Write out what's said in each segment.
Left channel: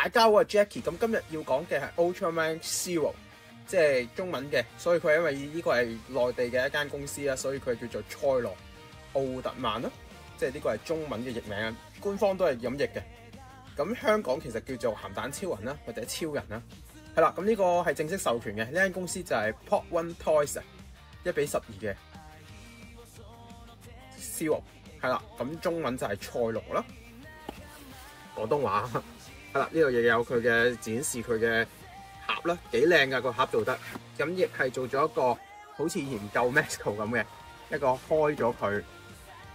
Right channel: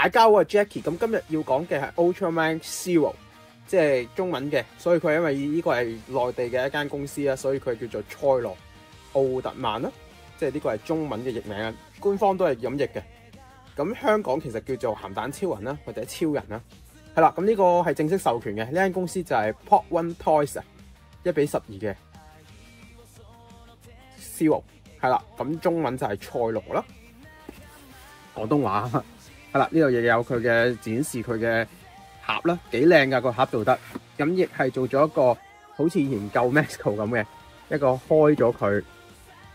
大家好，我係 Jackie。咁今日要講嘅係 Ultraman Zero， 即係中文嘅，所以佢因為呢個係內地嘅一間公司啦，所以佢叫做賽羅奧特曼啦，即係呢個係中文嘅譯名，官方都係咁譯嘅。咁香港其實叫做鹹蛋超人啦，或者超人啦。係啦，咁呢個係正式授權嘅，呢間公司就係 Pop One Toys 啊，1:12嘅 Zero。係啦，咁中文就係賽羅啦，廣東話。係啦，呢度亦有佢嘅展示佢嘅盒啦，幾靚㗎個盒做得。咁亦係做咗一個好似以前舊 Maxco 咁嘅一個開咗佢，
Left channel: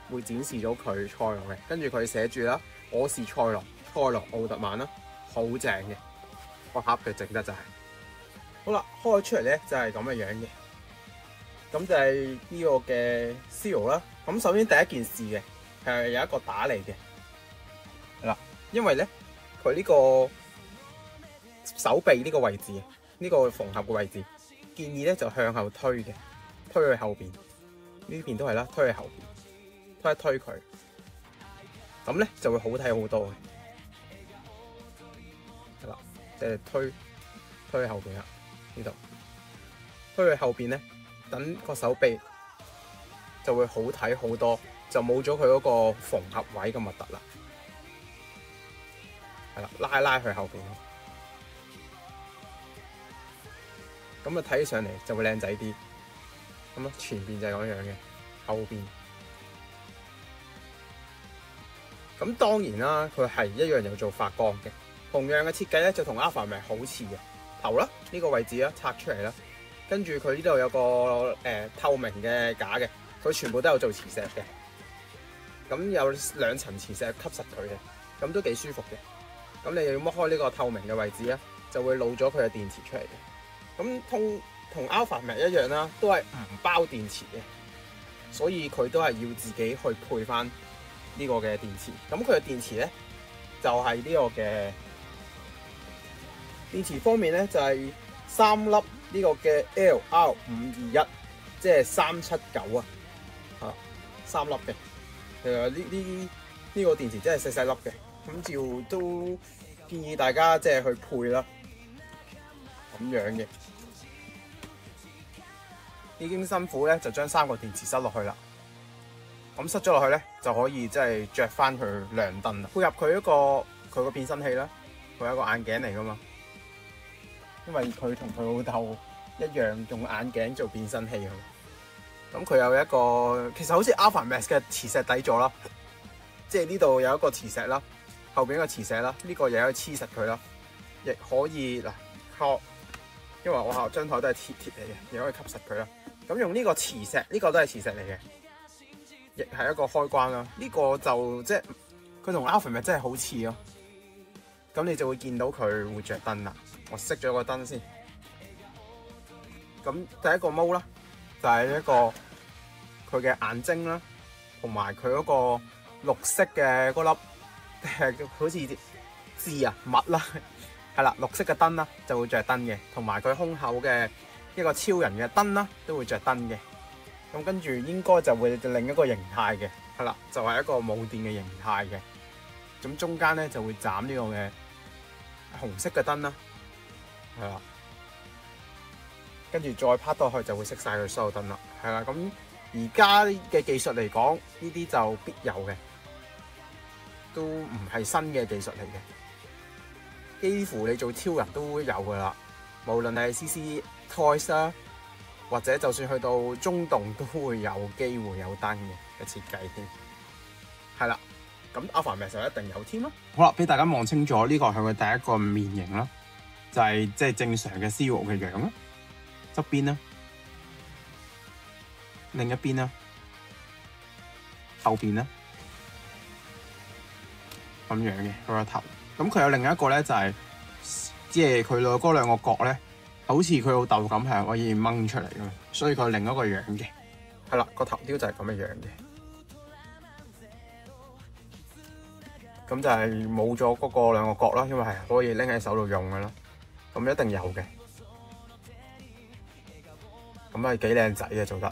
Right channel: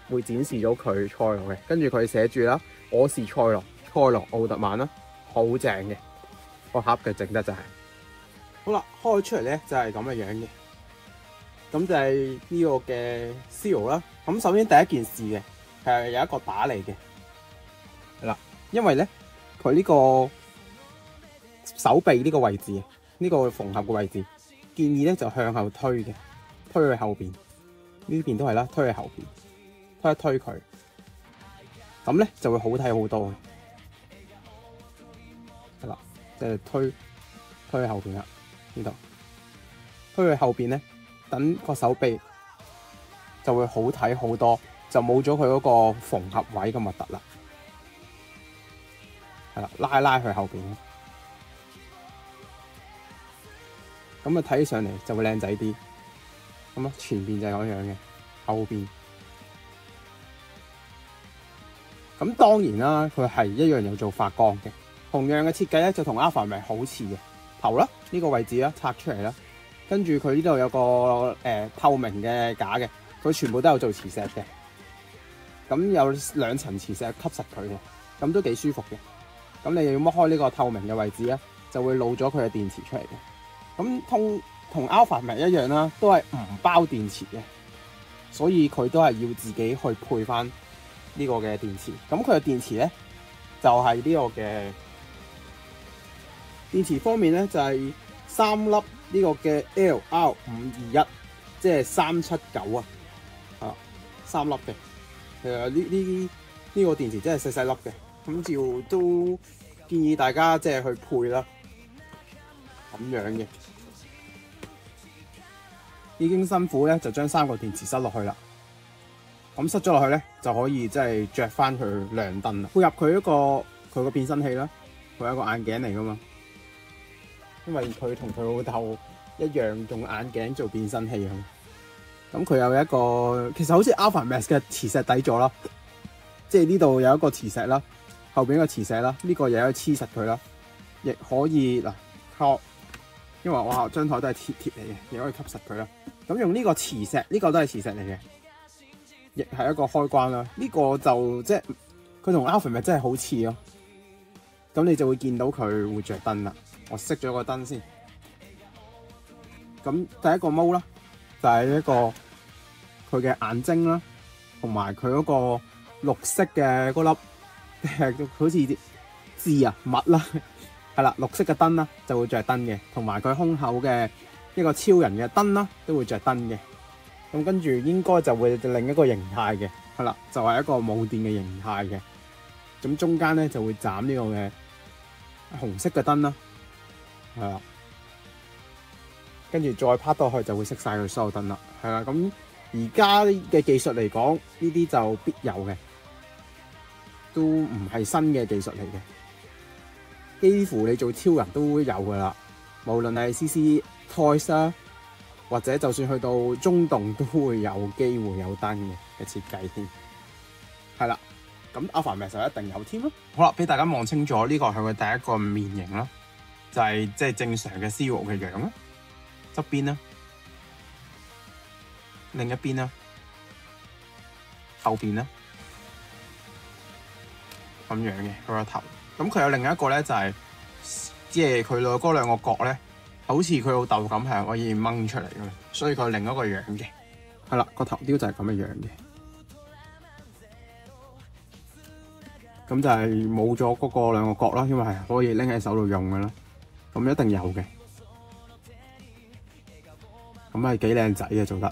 會展示咗佢賽羅嘅。跟住佢寫住啦，我是賽羅，賽羅奧特曼啦，好正嘅個盒嘅整得就係。好啦，開出嚟咧就係咁嘅樣嘅。咁就係呢個嘅 Zero 啦。咁首先第一件事嘅係有一個打嚟嘅，係啦，因為咧。佢呢個手臂呢個位置，呢個縫合嘅位置，建議咧就向後推嘅，推去後邊，呢邊都係啦，推去後邊，推一推佢，咁咧就會好睇好多嘅，係啦，即係推去後邊啦，呢度推去後邊咧，等個手臂就會好睇好多，就冇咗佢嗰個縫合位咁核突啦。係啦，拉去後邊，咁啊睇起上嚟就會靚仔啲。咁啊前邊就係咁樣嘅，後邊。咁當然啦，佢係一樣有做發光嘅，同樣嘅設計咧就同 Alpha Max 好似嘅。頭啦，呢個位置啦拆出嚟啦，跟住佢呢度有個透明嘅架嘅，佢全部都有做磁石嘅。咁有2層磁石吸實佢嘅，咁都幾舒服嘅。咁你要剝開呢個透明嘅位置咧，就會露咗佢嘅電池出嚟嘅。咁同 Alpha Max 一樣啦，都係唔包電池嘅，所以佢都係要自己去配翻呢個嘅電池。咁佢嘅電池咧就係呢個嘅電池方面咧就係3粒呢個嘅 LR521，即係379啊，3粒嘅。其實呢個電池真係細細粒嘅。咁照都建議大家即係去配啦，咁樣嘅。已經辛苦咧，就將3個電池塞落去啦。咁塞咗落去咧，就可以即係着翻佢亮燈啦。配合佢佢個變身器啦，佢係一個眼鏡嚟噶嘛。因為佢同佢老豆一樣用眼鏡做變身器咁佢有一個其實好似 Alpha Max 嘅磁石底座啦，即係呢度有一個磁石啦。後邊個磁石啦，呢個又可以黐實佢啦，亦可以嗱靠，因為我張台都係鐵嚟嘅，亦可以吸實佢啦。咁用呢個磁石，呢個都係磁石嚟嘅，亦係一個開關啦。呢個就即係佢同 Alpha Max 真係好似咯。咁你就會見到佢會着燈啦。我熄咗個燈先。咁第一個毛啦，就係一個佢嘅眼睛啦，同埋佢嗰個綠色嘅嗰粒。好似字啊物啦，係啦，綠色嘅燈啦就會着燈嘅，同埋佢胸口嘅一個超人嘅燈啦都會着燈嘅。咁跟住應該就會另一個形態嘅，係啦，就係一個冇電嘅形態嘅。咁中間咧就會斬呢個嘅紅色嘅燈啦，係啦，跟住再拍落去就會熄晒佢所有燈啦，係啦。咁而家嘅技術嚟講，呢啲就必有嘅。都唔係新嘅技術嚟嘅，幾乎你做超人都會有噶啦。無論係 CC Toys 啦，或者就算去到中洞都會有機會有燈嘅設計添。係啦，咁 Alpha Max 就一定有添咯。好啦，俾大家望清楚，呢個係佢第一個面型啦，就係即係正常嘅 Zero 嘅樣啦。側邊啦，另一邊啦，後邊啦。咁樣嘅佢個頭，咁佢有另一個咧就係，即係佢嗰2個角咧，好似佢老豆咁係可以掹出嚟嘅，所以佢另一個樣嘅，係啦，個頭雕就係咁嘅樣嘅，咁就係冇咗嗰個2個角啦，因為係可以拎喺手度用嘅啦，咁一定有嘅，咁係幾靚仔嘅做得。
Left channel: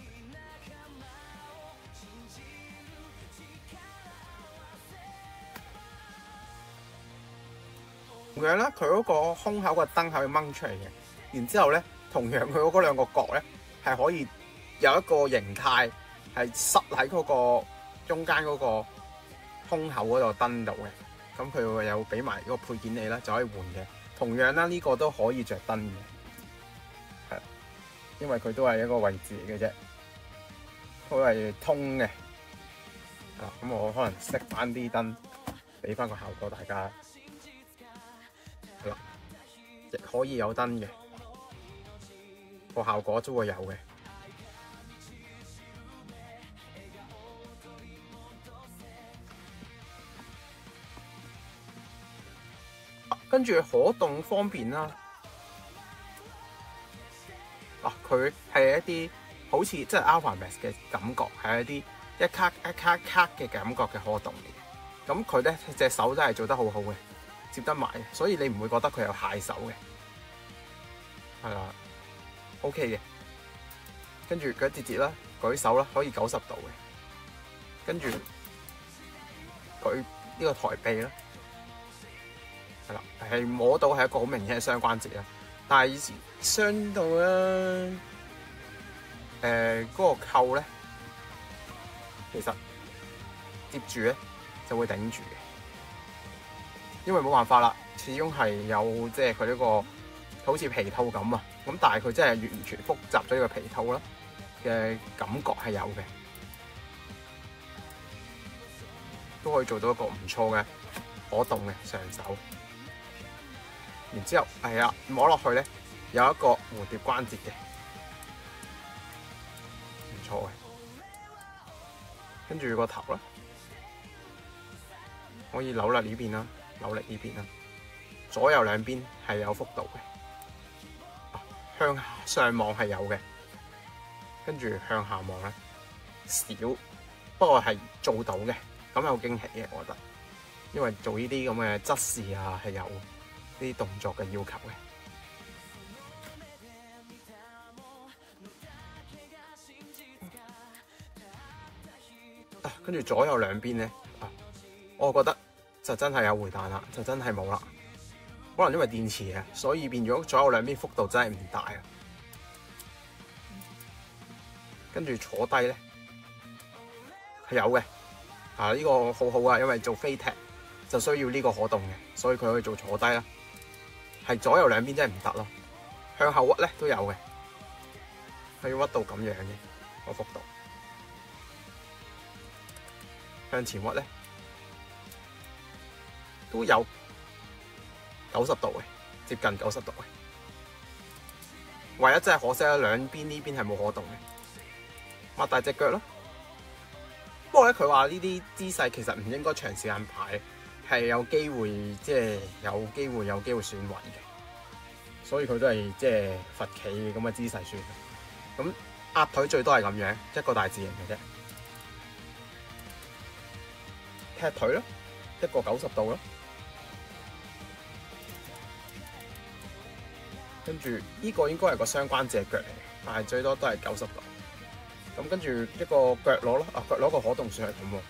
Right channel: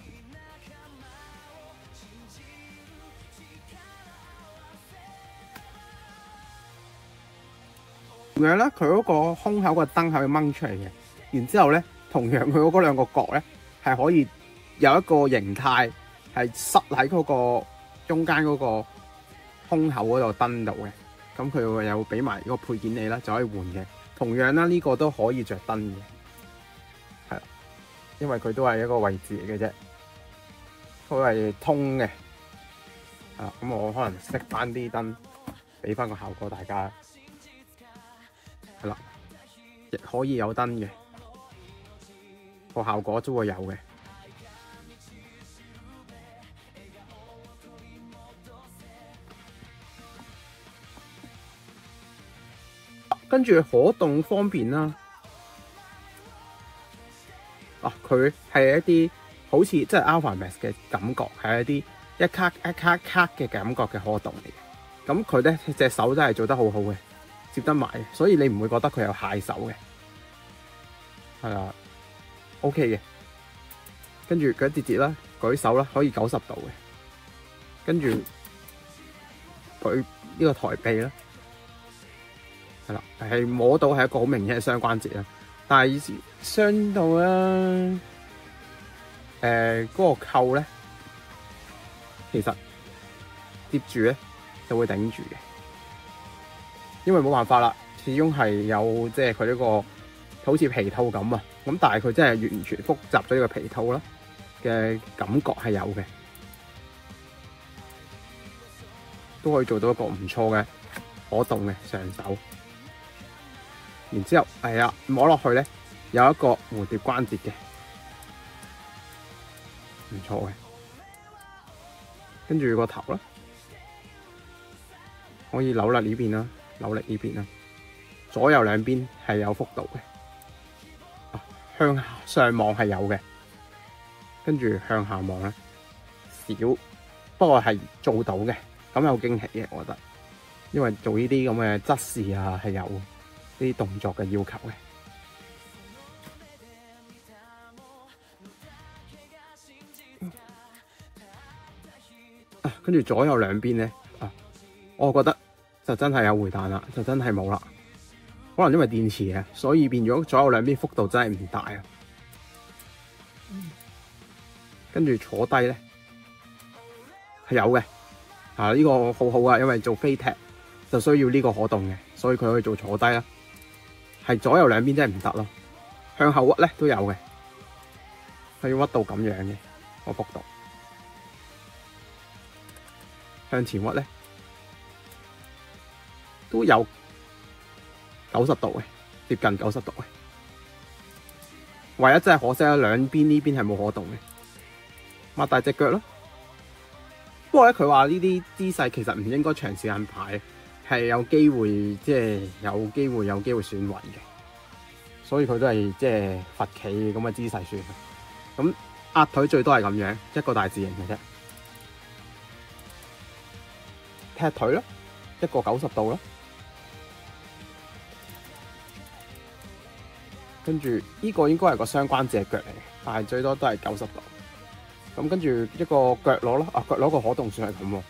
樣咧，佢嗰個胸口個燈係掹出嚟嘅，然之後咧，同樣佢嗰兩個角咧係可以有一個形態係塞喺嗰個中間嗰個胸口嗰度燈度嘅。咁佢會有俾埋個配件你啦，就可以換嘅。同樣啦，呢個都可以着燈嘅，係，因為佢都係一個位置嚟嘅啫，佢係通嘅。啊，咁我可能熄翻啲燈，俾翻個效果大家。係啦，亦可以有燈嘅，個效果都會有嘅。跟住可動方面啦，佢係一啲好似即係 Alpha Max 嘅感覺，係一啲一卡一卡卡嘅感覺嘅可動嚟。咁佢咧隻手真係做得好好嘅，接得埋，所以你唔會覺得佢有蟹手嘅，係啦 ，OK 嘅。跟住佢節啦，舉手啦，可以90度嘅。跟住佢呢個抬臂啦。係啦，係摸到係一個好明顯嘅雙關節啦，但係以前傷到咧，嗰個扣咧，其實接住咧就會頂住嘅，因為冇辦法啦，始終係有即係佢呢個好似皮套咁啊，咁但係佢真係完全複雜咗呢個皮套啦嘅感覺係有嘅，都可以做到一個唔錯嘅可動嘅上手。然之後係啊，摸落去咧有一個蝴蝶關節嘅，唔錯嘅。跟住個頭啦，可以扭甩呢邊啦，扭力呢邊啦，左右兩邊係有幅度嘅。向上望係有嘅，跟住向下望咧少，不過係做到嘅，咁有驚喜嘅，我覺得，因為做呢啲咁嘅測試啊係有啲動作嘅要求嘅。跟住左右兩邊咧，我覺得就真係有回彈啦，就真係冇啦。可能因為電池嘅，所以變咗左右兩邊幅度真係唔大啊。跟住坐低咧係有嘅，呢個好好啊，因為做飛踢就需要呢個可動嘅，所以佢可以做坐低啦。係左右兩邊真係唔得咯，向後屈咧都有嘅，可以屈到咁樣嘅個幅度。向前屈咧都有90度嘅，接近90度嘅。唯一真係可惜啦，兩邊呢邊係冇可動嘅。擘大隻腳咯。不過咧，佢話呢啲姿勢其實唔應該長時間擺，係有機會即係有機會損毀嘅。所以佢都係即係罰企咁嘅姿勢算。咁壓腿最多係咁樣，一個大字形嘅啫。踢腿咯，一個90度咯。跟住呢個應該係個雙關節腳嚟嘅，但係最多都係90度。咁跟住一個腳踝咯，腳踝個可動算係咁喎，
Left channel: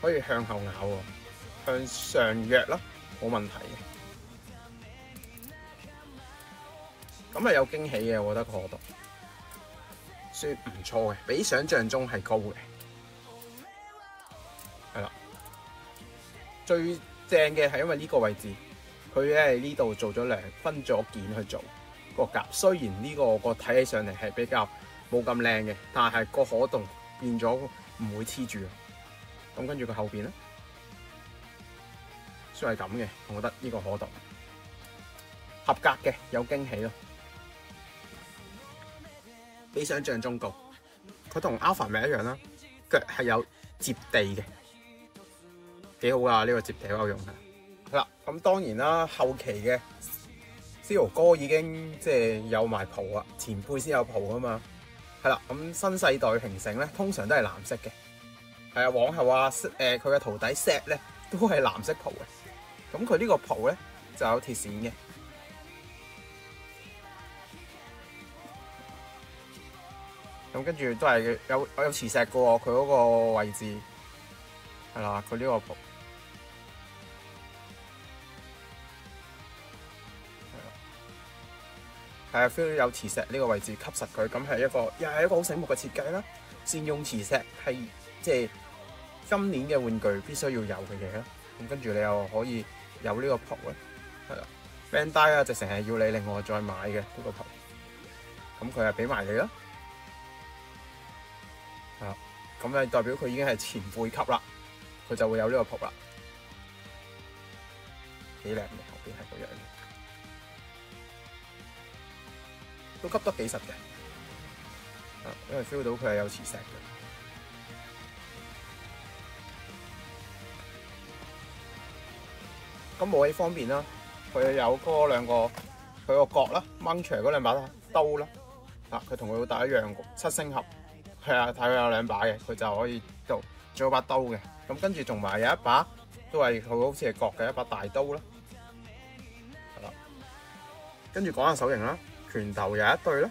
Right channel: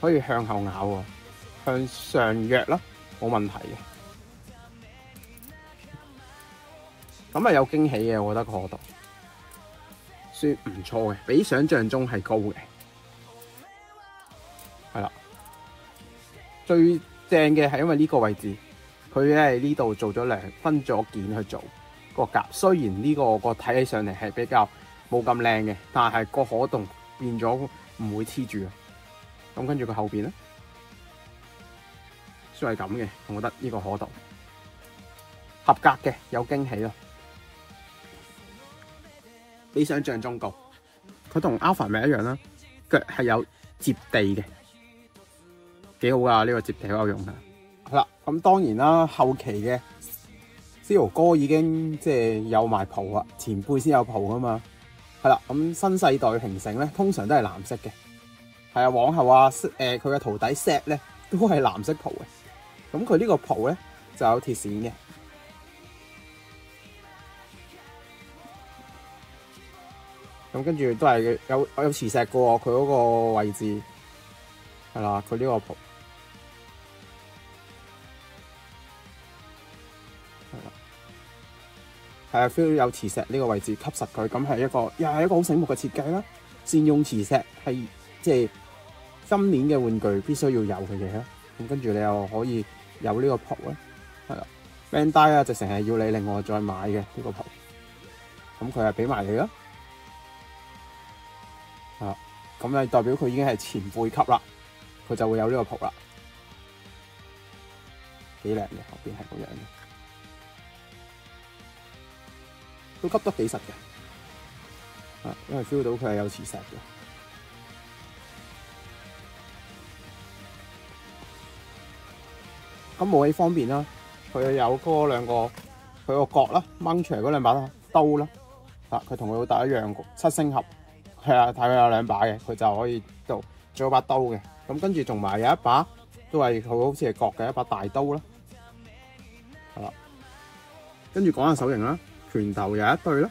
可以向後咬喎，向上躍啦，冇問題嘅。咁係有驚喜嘅，我覺得個可動算唔錯嘅，比想象中係高嘅。係啦。最正嘅係因為呢個位置，佢咧喺呢度做咗分咗件去做個夾。雖然呢個睇起上嚟係比較冇咁靚嘅，但係個可動變咗唔會黐住。咁跟住佢後邊咧，算係咁嘅。我覺得呢個可動合格嘅，有驚喜咯，比想象中高。佢同 Alpha Max 一樣啦，腳係有接地嘅。幾好啊！呢個接地嗰個用嘅。係啦，咁當然啦，後期嘅 Zero 哥已經即係有埋蒲啊，前輩先有蒲噶嘛。係啦，咁新世代平成咧，通常都係藍色嘅。係啊，往後啊，佢嘅徒弟 Set 咧都係藍色蒲嘅。咁佢呢個蒲咧就有鐵線嘅。咁跟住都係有磁石嘅喎，佢嗰個位置係啦，佢呢個蒲。係啊 feel 到有磁石呢個位置吸實佢，咁係又係一個好醒目嘅設計啦。善用磁石係即係今年嘅玩具必須要有嘅嘢啦。咁跟住你又可以有呢個蒲啦，係啦 Bandai 啊，直情係要你另外再買嘅呢個蒲。咁佢係俾埋你啦，啊，咁就代表佢已經係前輩級啦，佢就會有呢個蒲啦，幾靚嘅，後邊係咁樣嘅，都吸得幾實嘅，啊，因為 feel 到佢係有磁石嘅。咁武器方面啦，佢有嗰兩個佢個角啦，掹出嚟嗰兩把刀啦。啊！佢同佢老豆一樣，7星盒，係啊，睇佢有2把嘅，佢就可以做咗把刀嘅。咁跟住仲埋有一把，都係佢好似係角嘅一把大刀啦。係啦，跟住講下手型啦，拳頭有一對啦。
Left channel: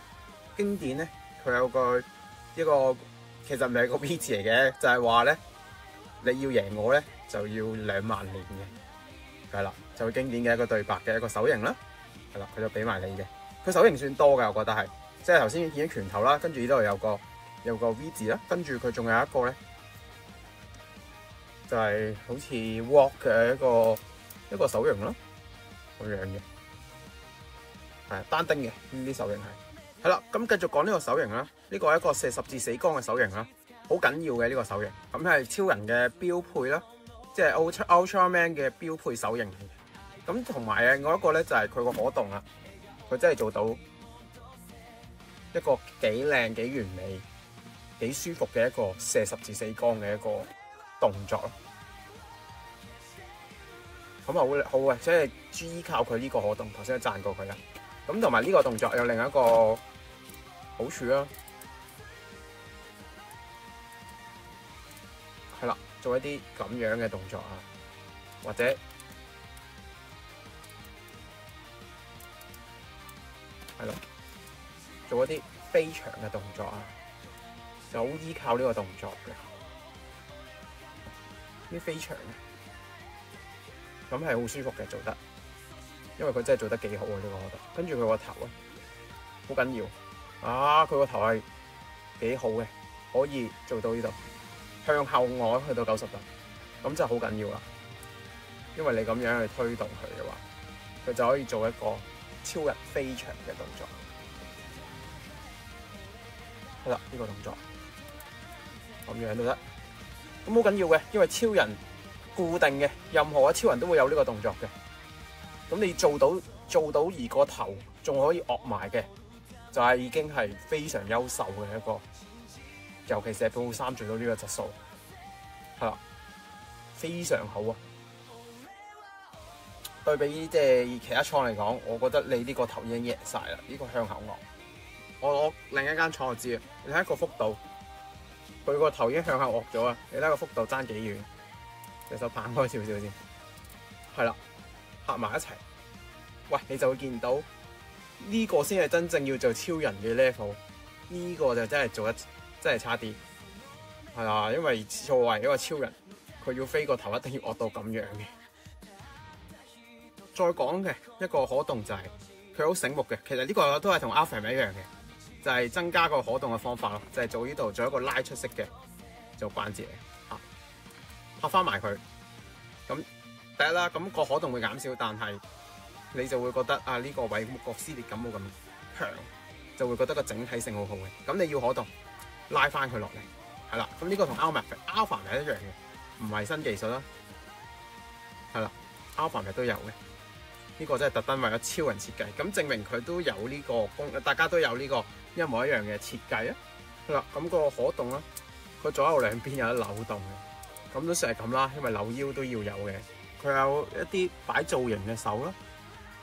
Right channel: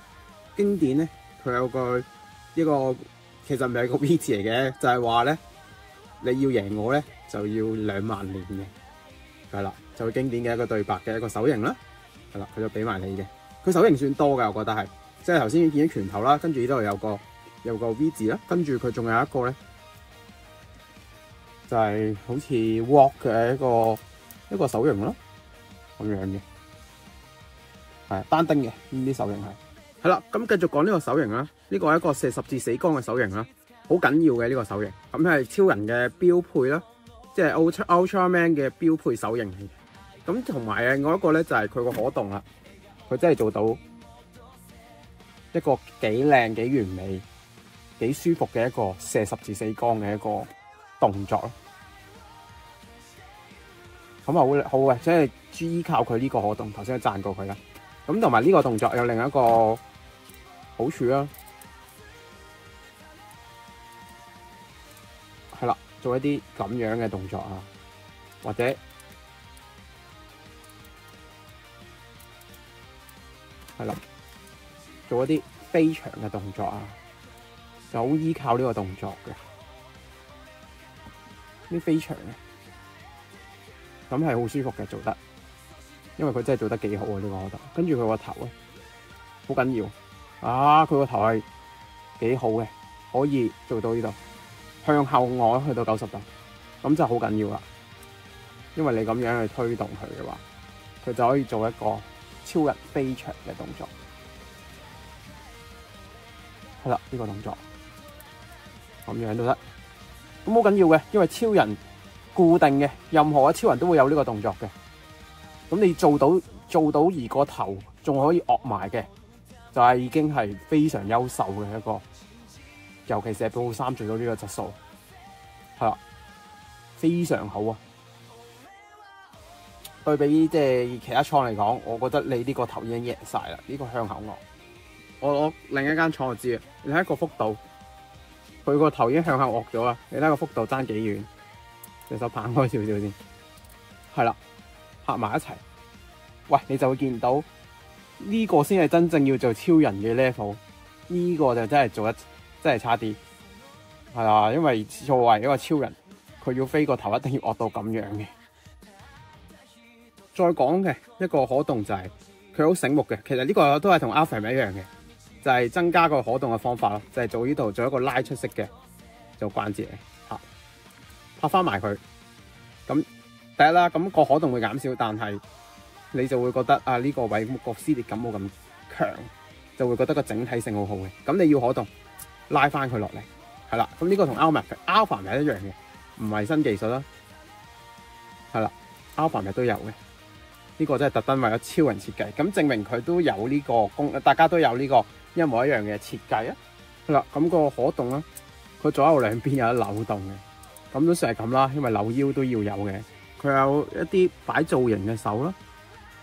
經典咧，佢有個呢個其實唔係個 V 字嚟嘅，就係話咧，你要贏我咧就要2萬年嘅。係啦，就係經典嘅一個對白嘅一個手型啦。係啦，佢就俾埋你嘅。佢手型算多㗎，我覺得係。即係頭先見到拳頭啦，跟住呢度有個 V 字啦，跟住佢仲有一個咧，就係好似 walk 嘅一個手型咯，咁樣嘅，係單丁嘅呢啲手型係。係啦，咁繼續講呢個手型啦，呢個係一個射十字死光嘅手型啦，好緊要嘅呢個手型，咁係超人嘅標配啦，即係 Ultraman 嘅標配手型。咁同埋另外一個咧就係佢個可動啦，佢真係做到一個幾靚、幾完美、幾舒服嘅一個射十字死光嘅一個動作咯。咁啊好嘅，即係依靠佢呢個可動，頭先都讚過佢啦。咁同埋呢個動作有另一個好處啦，係啦，做一啲咁樣嘅動作啊，或者係啦。做一啲飛翔嘅動作啊，就好依靠呢個動作嘅，啲飛翔嘅，咁係好舒服嘅做得，因為佢真係做得幾好啊呢個我覺得。跟住佢個頭啊，好緊要啊！佢個頭係幾好嘅，可以做到呢度向後卧去到90度，咁就好緊要啦。因為你咁樣去推動佢嘅話，佢就可以做一個超人飛翔嘅動作。係啦，呢個動作咁樣都得，咁好緊要嘅，因為超人固定嘅，任何嘅超人都會有呢個動作嘅。咁你做到而個頭仲可以惡埋嘅，就係已經係非常優秀嘅一個，尤其是係寶庫3做到呢個質素，係啦，非常好啊！對比即係其他廠嚟講，我覺得你呢個頭已經贏晒啦，呢個向後卧。我另一間廠我知啊，你睇個幅度，佢個頭已經向後卧咗啊！你睇個幅度爭幾遠？隻手拍開少少先，係啦，拍埋一齊，喂，你就會見到呢個先係真正要做超人嘅 level，呢個就真係做得真係差啲，係啊，因為作為一個超人，佢要飛個頭一定要卧到咁樣嘅。再講嘅一個可動就係佢好醒目嘅，其實呢個都係同 Alpha 一樣嘅。就係增加個可動嘅方法咯，就係做呢度做一個拉出式嘅做關節啊，拍翻埋佢。咁第一啦，咁個可動會減少，但係你就會覺得啊呢個位個撕裂感冇咁強，就會覺得個整體性好好嘅。咁你要可動拉翻佢落嚟，係啦。咁呢個同 Alpha 係一樣嘅，唔係新技術啦，係啦 ，Alpha 都有嘅。呢個真係特登為咗超人設計，咁證明佢都有呢個大家都有呢個一模一樣嘅設計啊！係啦，咁個可動啦，佢左右兩邊有得扭動嘅，咁都算係咁啦，因為扭腰都要有嘅。佢有一啲擺造型嘅手啦，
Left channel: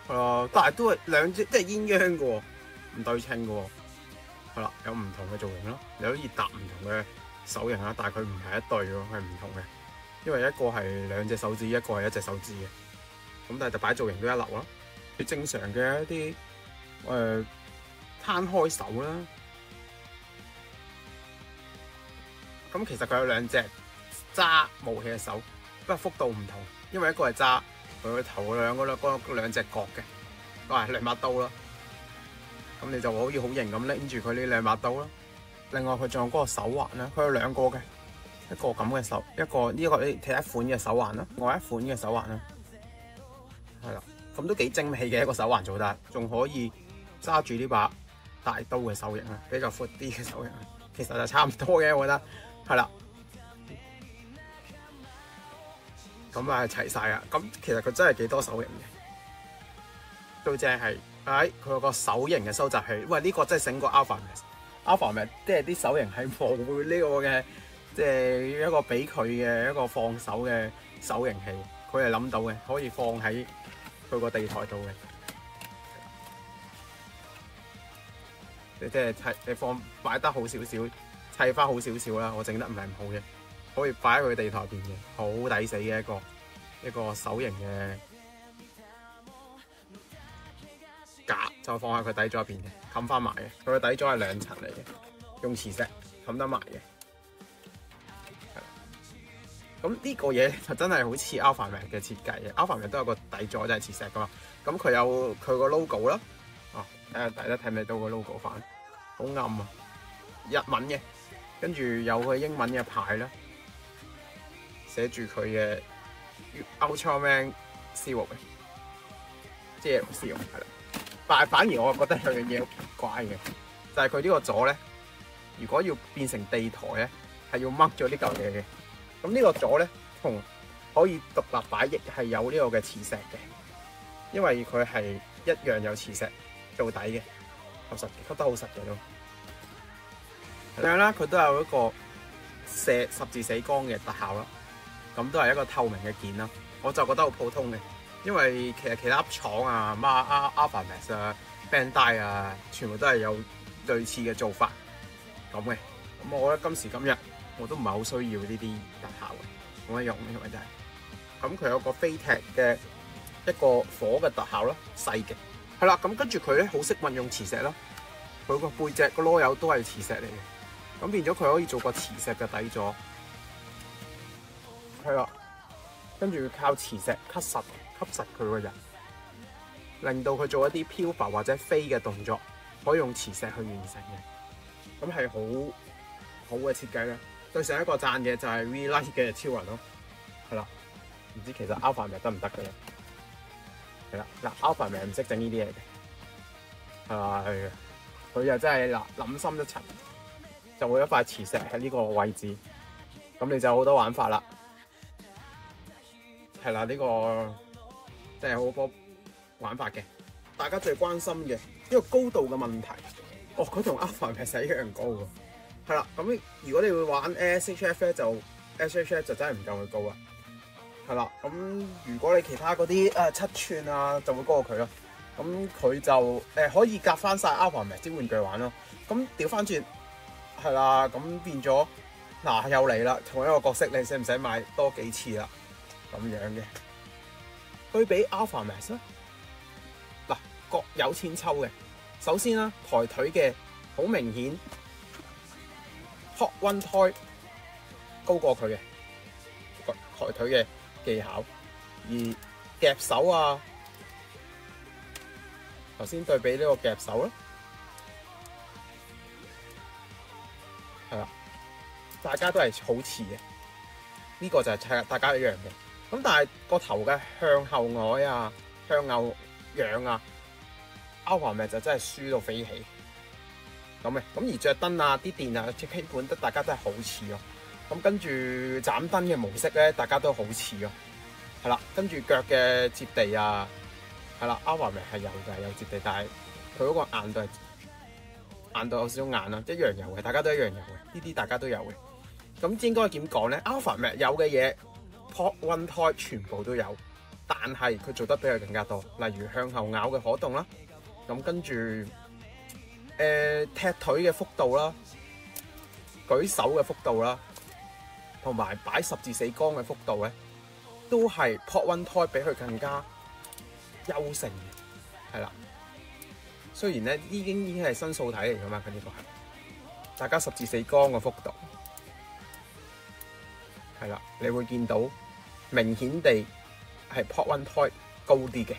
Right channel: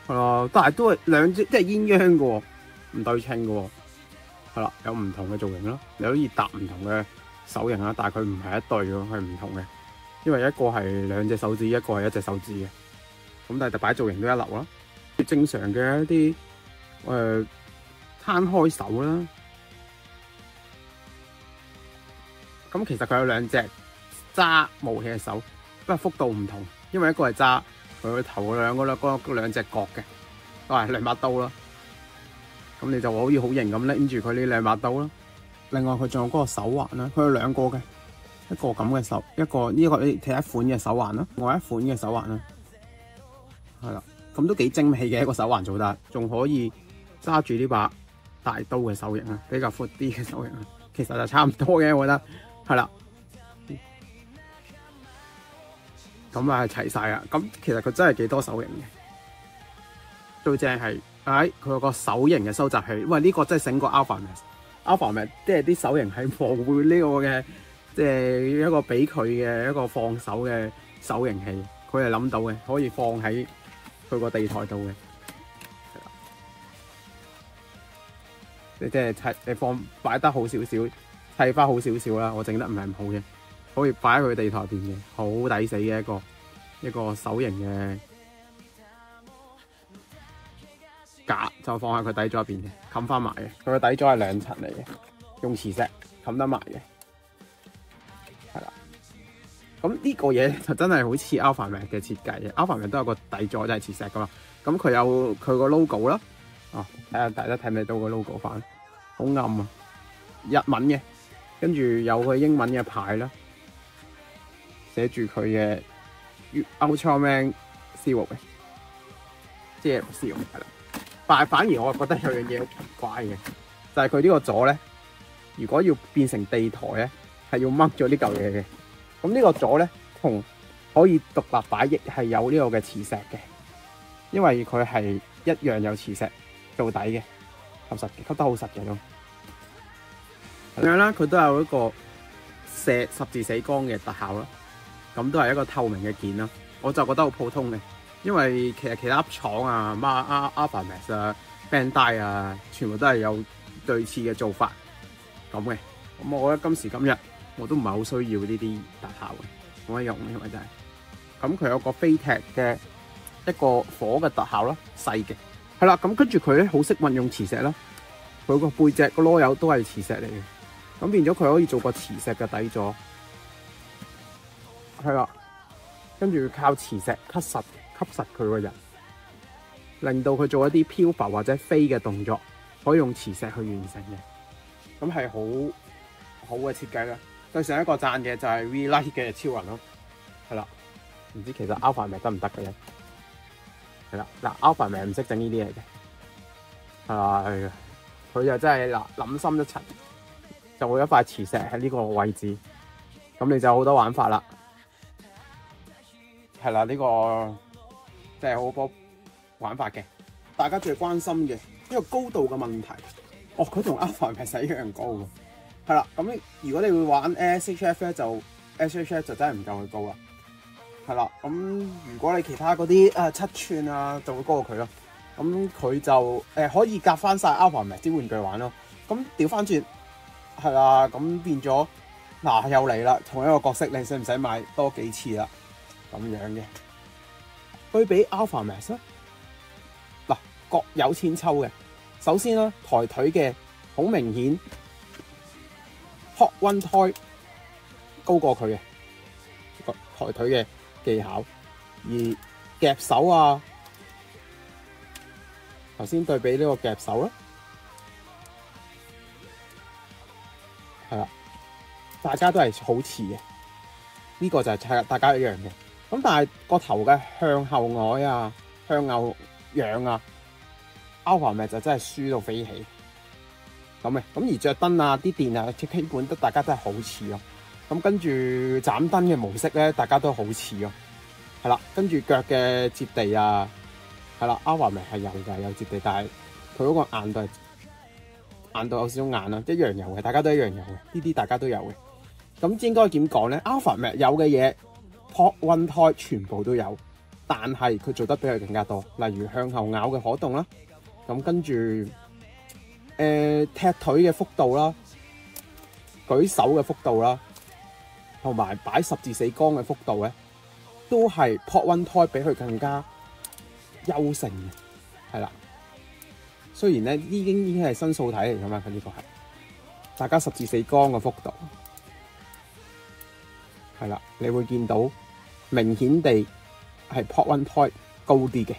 係啦，但係都係兩隻即係鴛鴦嘅喎，唔對稱嘅喎，係啦，有唔同嘅造型咯，你可以搭唔同嘅手型啦，但係佢唔係一對喎，係唔同嘅，因為一個係2隻手指，一個係1隻手指嘅。咁但係擺造型都一流啦，正常嘅一啲攤開手啦。咁其實佢有2隻揸武器嘅手，不過幅度唔同，因為一個係揸佢個頭兩隻角嘅，都係2把刀啦。咁你就可以好型咁拎住佢呢兩把刀咯。另外佢仲有嗰個手環啦，佢有兩個嘅，一個咁嘅手，一個呢個你睇一款嘅手環啦，另外一款嘅手環啦，係啦，咁都幾精美嘅一個手環做得，仲可以揸住呢把大刀嘅手型啦，比較闊啲嘅手型，其實就差唔多嘅，我覺得係啦。咁啊齊晒啦，咁其實佢真係幾多手型嘅，最正係佢有個手型嘅收集器，喂呢個真係醒過 Alpha Max。Alpha Max 即係啲手型係模糊呢個嘅，即係一個俾佢嘅一個放手嘅手型器，佢係諗到嘅，可以放喺佢個地台度嘅。你即係砌擺得好少少，砌翻好少少啦。我整得唔係咁好嘅，可以擺喺佢地台邊嘅，好抵死嘅一個手型嘅架，就放喺佢底座入邊嘅，冚翻埋嘅。佢個底座係2層嚟嘅，用磁石冚得埋嘅，係啦。咁呢個嘢就真係好似 Alpha Max 嘅設計嘅。Alpha Max 都有個底座，就係磁石噶嘛。咁佢有佢個 logo 啦。哦，睇下大家睇唔睇到個 logo 版？好暗啊，日文嘅，跟住有個英文嘅牌啦，寫住佢嘅 Ultraman Zero 嘅，即係 Zero 係啦。但係反而我覺得有樣嘢好奇怪嘅，就係佢呢個座咧，如果要變成地台咧，係要掹咗呢嚿嘢嘅。咁呢個座咧，同可以獨立擺，亦係有呢個嘅磁石嘅，因為佢係一樣有磁石做底嘅，吸得好實嘅咯。咁樣啦，佢都有一個十字死光嘅特效咯，咁都係一個透明嘅件啦。我就覺得好普通嘅，因為其實其他廠啊、Alpha Max 啊、Bandai 啊，全部都係有類似嘅做法咁嘅。咁我覺得今時今日我都唔係好需要呢啲特效嘅，冇乜用，因為真係。咁佢有個飛踢嘅一個火嘅特效咯，細嘅。係啦，咁跟住佢咧好識運用磁石啦，佢個背脊個螺友都係磁石嚟嘅，咁變咗佢可以做個磁石嘅底座，係啦，跟住靠磁石吸實佢個人，令到佢做一啲漂浮或者飛嘅動作，可以用磁石去完成嘅，咁係好嘅設計啦。對上一個讚嘅就係 V-Lite 嘅超人咯，係啦，唔知其實 Alpha Max 得唔得嘅咧？係啦，嗱 Alpha Max 唔識整呢啲嘢嘅，係佢就真係嗱諗深一層，就會有一塊磁石喺呢個位置，咁你就好多玩法啦。係啦，呢個真係好多玩法嘅。大家最關心嘅呢個高度嘅問題，哦，佢同 Alpha Max 一樣高喎。係啦，咁如果你會玩 SHF 咧，就 SHF 就真係唔夠佢高啦。係啦，咁如果你其他嗰啲7寸啊，就會高過佢咯。咁佢就可以夾翻晒 Alpha Max 啲玩具玩咯。咁調翻轉係啦，咁變咗嗱又嚟啦，同一個角色你使唔使買多幾次啦？咁樣嘅對比 Alpha Max 咧，嗱各有千秋嘅。首先啦，抬腿嘅好明顯 Hot One Toy 高過佢嘅抬腿嘅技巧，而夾手啊，頭先對比呢個夾手啦，係啦，大家都係好似嘅，呢個就係大家一樣嘅。咁但係個頭嘅向後呆啊、向後仰啊 ，Alpha Max就真係輸到飛起咁嘅。咁而着燈啊、啲電啊，基本大家都係好似咯。咁跟住斬燈嘅模式咧，大家都好似咯。係啦，跟住腳嘅接地啊，係啦 ，Alpha Max係有嘅，有接地，但係佢嗰個硬度有少少硬啦，一樣有嘅，大家都一樣有嘅，呢啲大家都有嘅。咁應該點講咧 ？Alpha Max有嘅嘢 ，Hot One Toy 全部都有，但係佢做得比佢更加多，例如向後咬嘅可動啦，咁跟住踢腿嘅幅度啦，舉手嘅幅度啦，同埋擺十字死光嘅幅度咧，都係 Hot One Toy 比佢更加優勝嘅，係啦。雖然咧已經係新素體嚟噶嘛，佢呢個係大家十字死光嘅幅度。係啦，你會見到明顯地係 Hot One Toy 高啲嘅。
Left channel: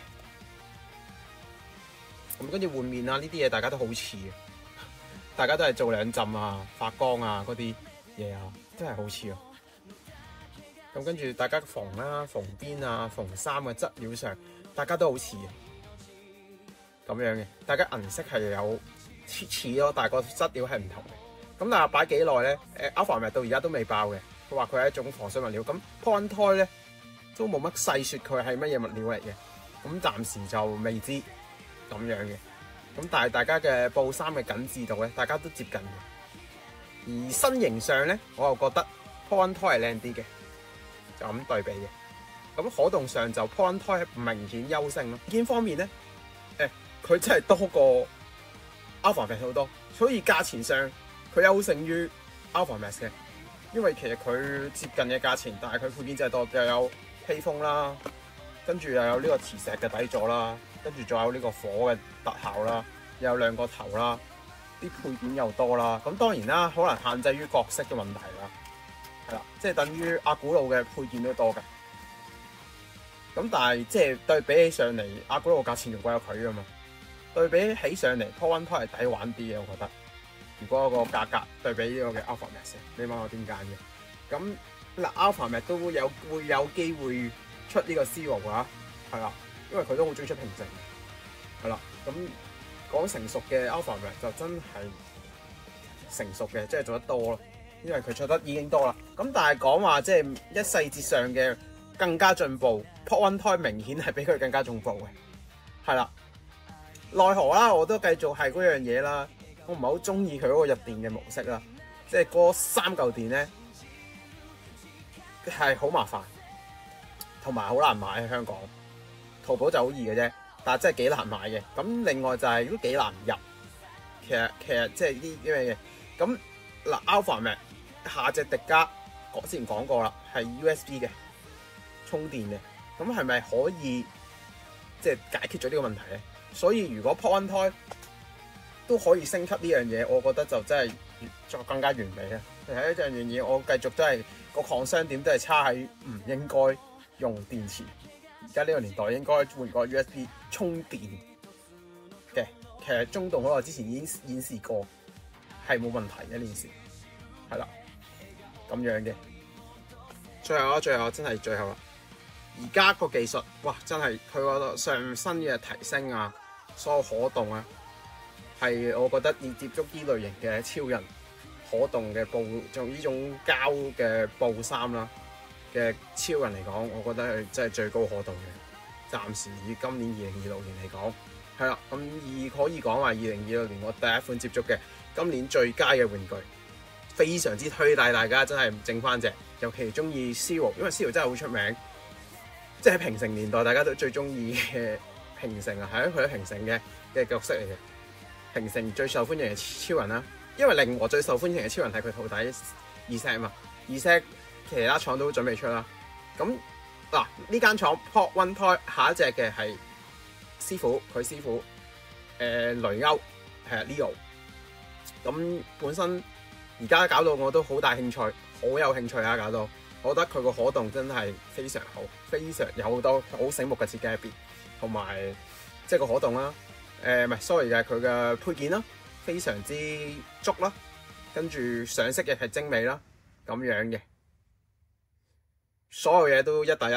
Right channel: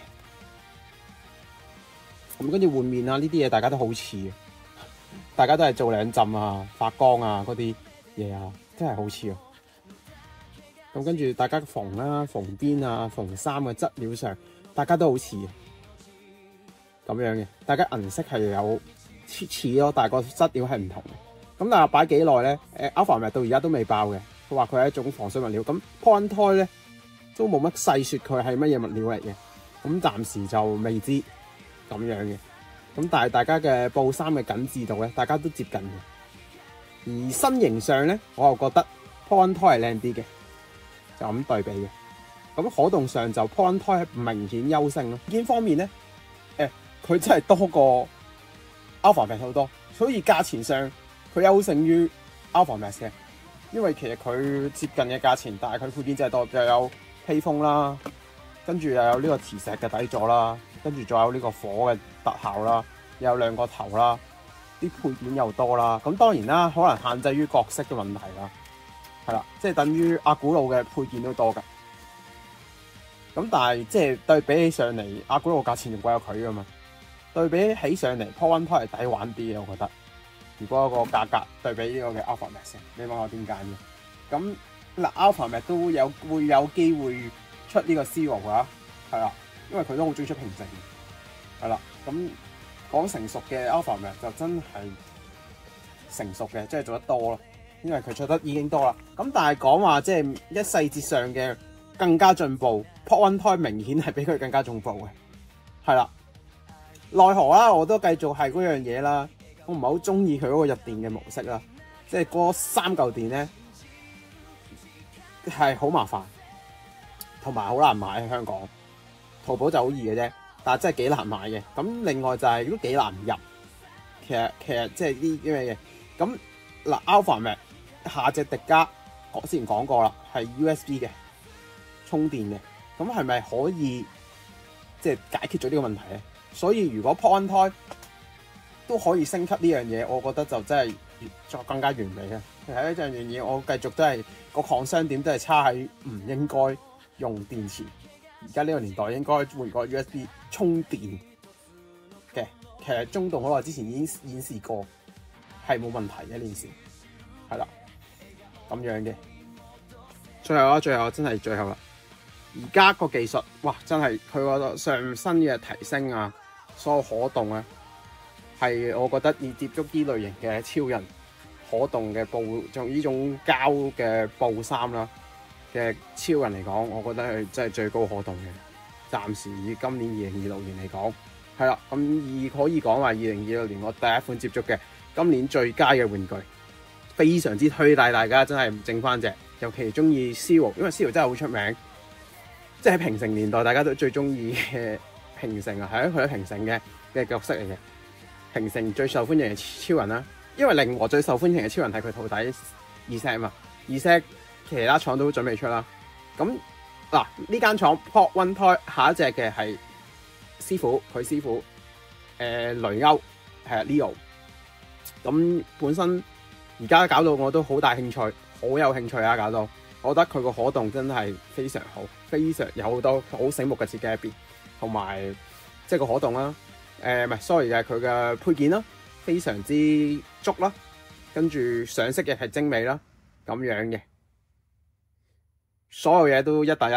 咁跟住換面啊，呢啲嘢大家都好似嘅，大家都係做兩浸啊、發光啊嗰啲嘢啊，真係好似啊。咁跟住大家縫啦、縫邊啊、縫衫嘅質料上，大家都好似嘅咁樣嘅。大家銀色係有似咯，但係個質料係唔同嘅。咁但係擺幾耐咧？Alpha Max 到而家都未爆嘅。佢話佢係一種防水物料。咁 Point 咧都冇乜細説佢係乜嘢物料嚟嘅。咁暫時就未知咁樣嘅。咁但係大家嘅布衫嘅緊緻度咧，大家都接近嘅。而身形上咧，我又覺得 Point 係靚啲嘅，就咁對比嘅。咁可動上就 Point 係明顯優勝咯。件方面咧，佢真係多過 Alpha Max 好多，所以價錢上佢優勝於 Alpha Max 嘅。因為其實佢接近嘅價錢，但係佢配件真係多，又有披風啦，跟住又有呢個磁石嘅底座啦，跟住仲有呢個火嘅特效啦，又有兩個頭啦，啲配件又多啦。咁當然啦，可能限制於角色嘅問題啦，係啦，即係等於阿古路嘅配件都多㗎。咁但係即係對比起上嚟，阿古路價錢仲貴過佢㗎嘛。對比起上嚟 Point 係抵玩啲嘅，我覺得。如果個價格對比呢個嘅 Alpha Max， 你問我點揀嘅？咁嗱 Alpha Max 都會有機會出呢個 Zero 㗎，係啦，因為佢都好中意出平整，係啦。咁講成熟嘅 Alpha Max 就真係成熟嘅，即係做得多咯，因為佢出得已經多啦。咁但係講話即係一細節上嘅更加進步 ，Point 明顯係比佢更加進步嘅，係啦。奈何啦，我都繼續係嗰樣嘢啦。我唔係好中意佢嗰個入電嘅模式啦，即係嗰3嚿電咧係好麻煩，同埋好難買喺香港。淘寶就好易嘅啫，但係真係幾難買嘅。咁另外就係都幾難入。其實即係啲咩嘅咁嗱 Alpha Max 下隻迪迦，我之前講過啦，係 USB 嘅充電嘅。咁係咪可以即係解決咗呢個問題咧？所以如果 Point 都可以升級呢樣嘢，我覺得就真係再更加完美啦。其實呢樣嘢，我繼續真係個抗傷點都係差喺唔應該用電池。而家呢個年代應該換個 USB 充電嘅。其實中動好耐之前已經演示過，係冇問題嘅呢件事。係啦，咁樣嘅。最後真係最後啦。而家個技術，哇！真係佢個上身嘅提升啊，所有可動啊。係，我覺得要接觸呢類型嘅超人可動嘅布，用呢種膠嘅布衫啦嘅超人嚟講，我覺得係真係最高可動嘅。暫時以今年2026年嚟講，係啦，咁可以講話2026年我第一款接觸嘅今年最佳嘅玩具，非常之推介大家真係整翻隻，尤其中意 Zero， 因為 Zero 真係好出名，即係平成年代大家都最中意嘅平成啊，係啊，佢係平成嘅角色嚟嘅。平成最受歡迎嘅超人啦，因為令我最受歡迎嘅超人係佢徒弟Zed嘛，Zed其他廠都準備出啦。咁嗱呢間廠 Point 下一隻嘅係佢師傅雷歐係啊 Leo。咁本身而家搞到我都好大興趣，好有興趣啊！搞到我覺得佢個可動真係非常好，非常有好多好醒目嘅設計入邊，同埋即係個可動啦。唔係 sorry 嘅，佢嘅配件啦，非常之足啦，跟住上色嘅係精美啦，咁樣嘅，所有嘢都一打一，